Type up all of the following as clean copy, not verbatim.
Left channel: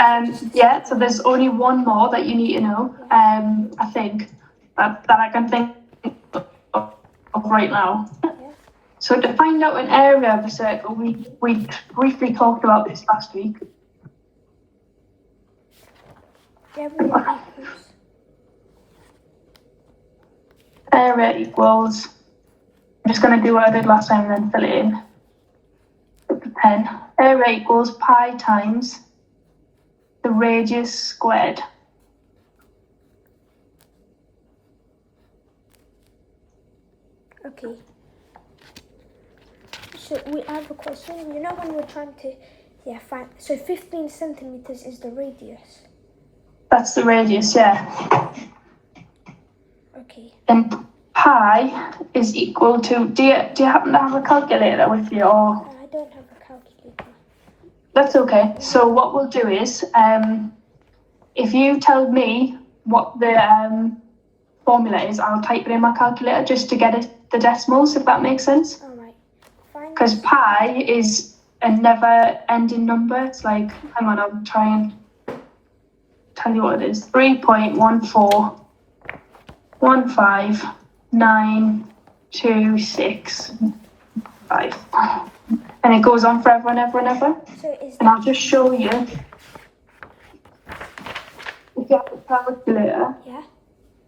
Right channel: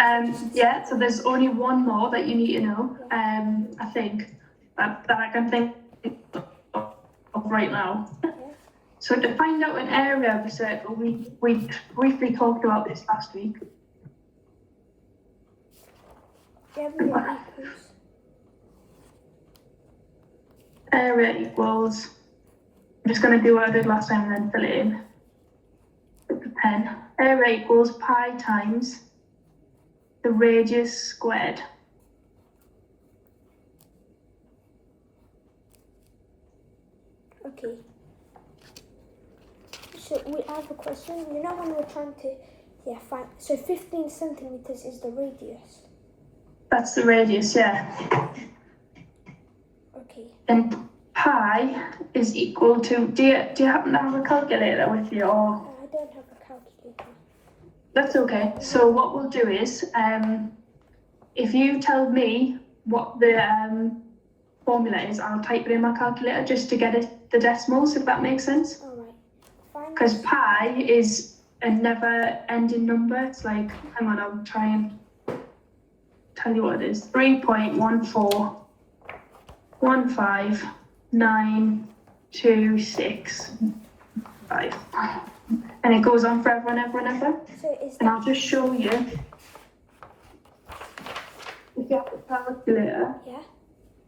Yeah, so there's only one more that you need to know, I think, that I can think of right now. Yeah. So to find out an area of a circle, we briefly talked about this last week. Yeah, we equals. Area equals, I'm just going to do what I did last time and then fill it in. With the pen. Area equals pi times the radius squared. Okay. So we have a question. You know when we're trying to find, so 15 centimeters is the radius. That's the radius, yeah. Okay. And pi is equal to, do you happen to have a calculator with you, or? I don't have a calculator. That's okay. So what we'll do is, if you tell me what the formula is, I'll type it in my calculator just to get the decimals, if that makes sense. All right. Because pi is a never-ending number. It's like, hang on, I'll try and tell you what it is. 3.1415926. And it goes on forever and ever and ever. And I'll just show you. If you have a calculator, Yeah.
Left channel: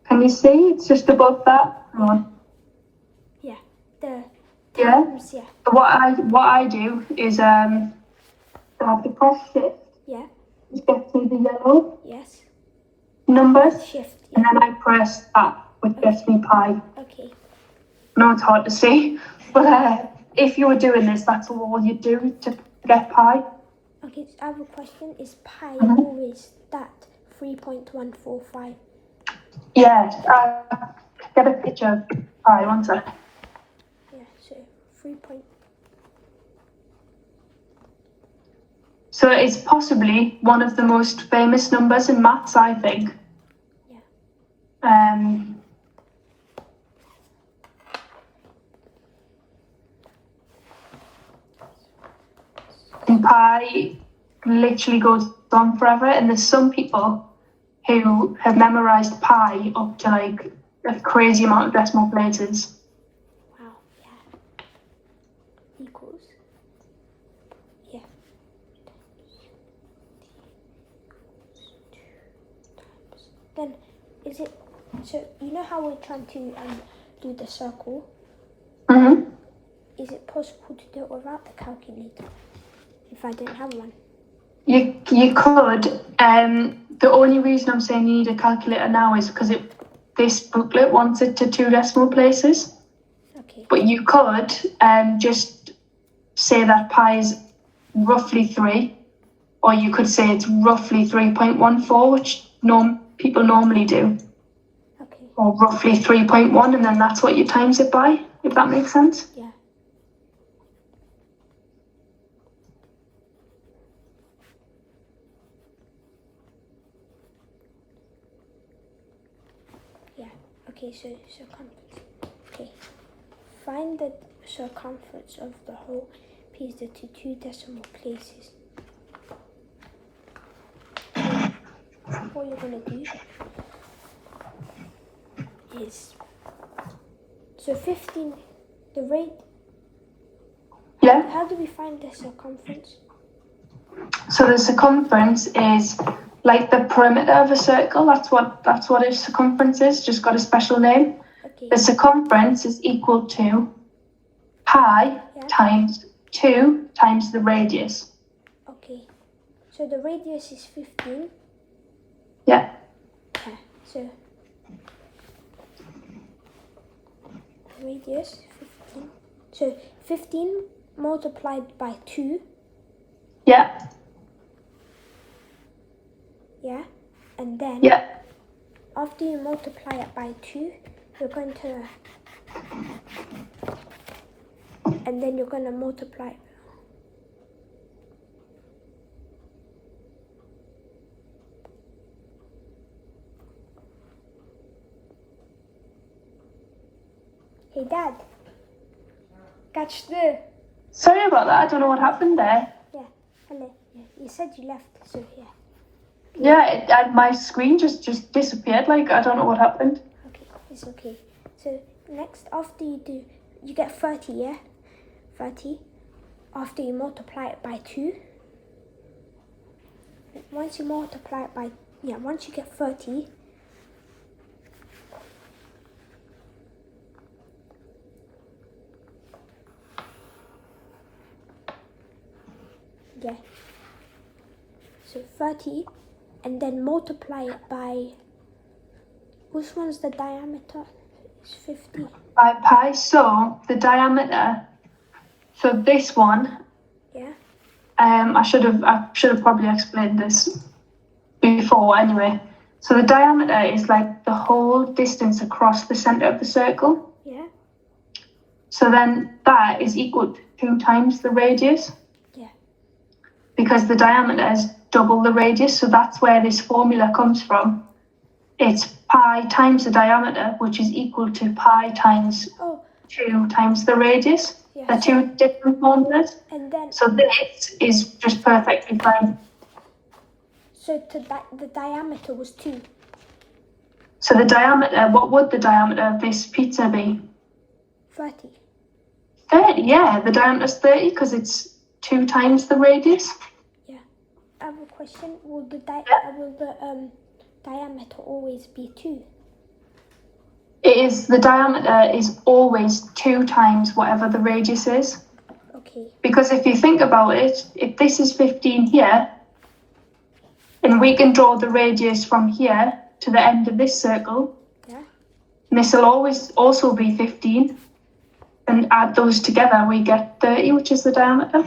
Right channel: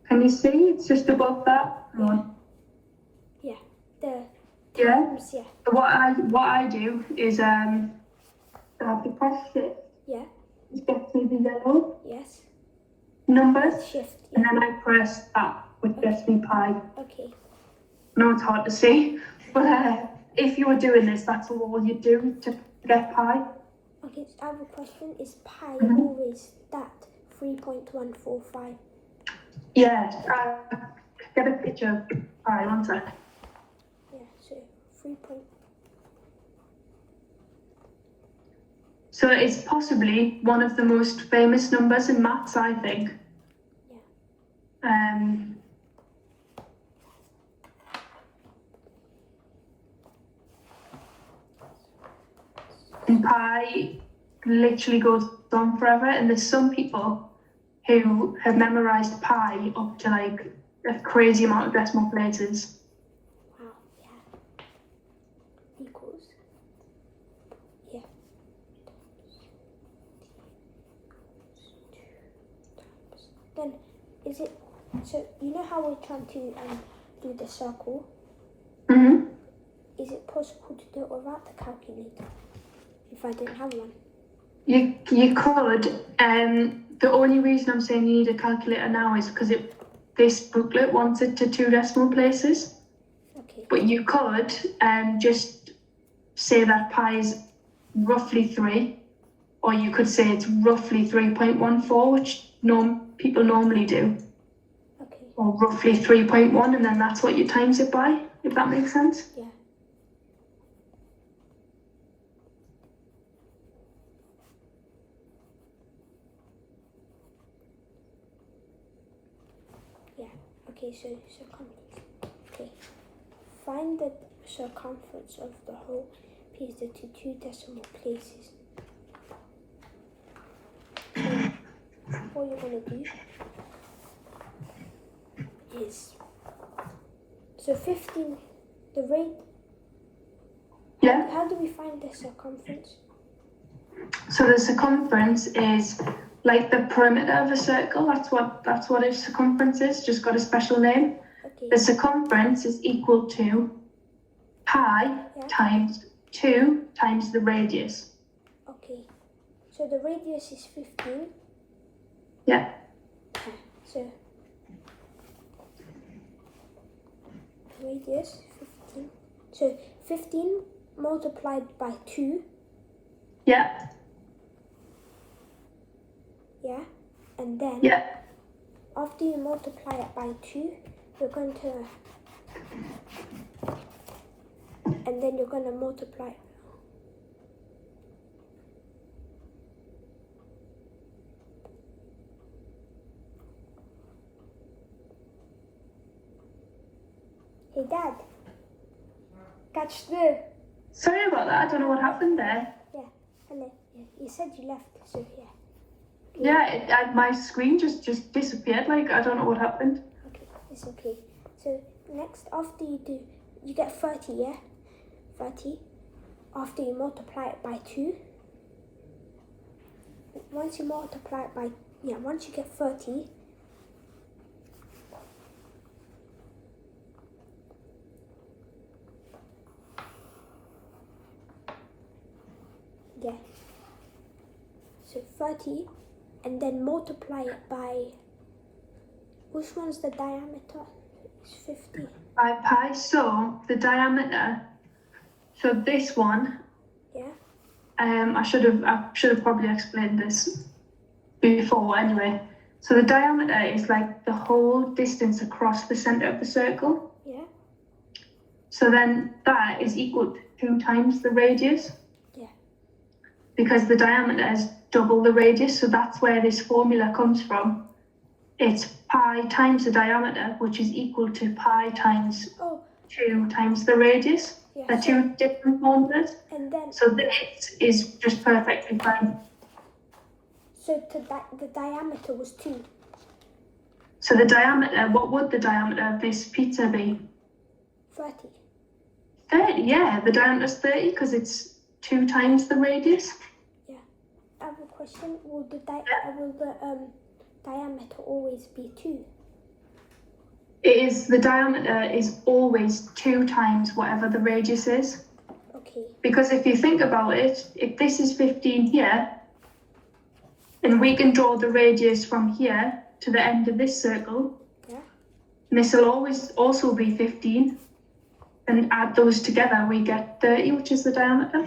can you see? It's just above that. Hang on. Yeah. Yeah. Yeah. What I do is I have to press shift. Yeah. Which gets me the yellow Yes. numbers. Shift. Yeah. And then I press that, which gets me pi. Okay. I know it's hard to see, but if you were doing this, that's all you do to get pi. Okay, so I have a question. Is pi Mhm. always that 3.145? Yeah, get a picture of pi, one sec. Yeah, so 3. So it's possibly one of the most famous numbers in maths, I think. Yeah. And pi literally goes on forever, and there's some people who have memorized pi up to like a crazy amount of decimal places. Wow. Yeah. Equals. Yeah. Then is it, so you know how we're trying to do the circle? Mm-hmm. Is it possible to do it without the calculator if I didn't have one? You could. The only reason I'm saying you need a calculator now is because this booklet wants it to 2 decimal places. Okay. But you could just say that pi is roughly 3, or you could say it's roughly 3.14, which people normally do, Okay. or roughly 3.1, and then that's what you times it by, if that makes sense. Yeah. Yeah. Okay, so circumference. Okay. Find the circumference of the whole piece to 2 decimal places. What you're going to do is, so 15, the rate. Yeah. How do we find the circumference? So the circumference is like the perimeter of a circle. That's what a circumference is. Just got a special name. Okay. The circumference is equal to pi times 2 times the radius. Okay. So the radius is 15. Yeah. Okay. So radius 15. So 15 multiplied by 2. Yeah. Yeah. And then after you multiply it by 2, you're going to, and then you're going to multiply it. Hey Dad, catch the. Sorry about that. I don't know what happened there. Yeah, hello. Yeah, you said you left, so yeah. Yeah, my screen just disappeared. Like, I don't know what happened. Okay, it's okay. So next, after you get 30, yeah? 30. After you multiply it by 2. Once you multiply it by, once you get 30, yeah. So 30, and then multiply it by, which one's the diameter? It's 50. By pi, so the diameter, so this one, Yeah. I should have probably explained this before anyway. So the diameter is like the whole distance across the center of the circle. Yeah. So then that is equal to 2 times the radius. Yeah. Because the diameter is double the radius, so that's where this formula comes from. It's pi times the diameter, which is equal to pi times 2 times the radius. Yes. They're 2 different formulas. And then, so this is just perfectly fine. So the diameter was 2. So the diameter, what would the diameter of this pizza be? 30. 30, yeah, the diameter is 30 because it's 2 times the radius. Yeah. I have a question. Will the diameter always be 2? The diameter is always 2 times whatever the radius is. Okay. Because if you think about it, if this is 15 here, and we can draw the radius from here to the end of this circle, Yeah. and this will always also be 15, and add those together, we get 30, which is the diameter.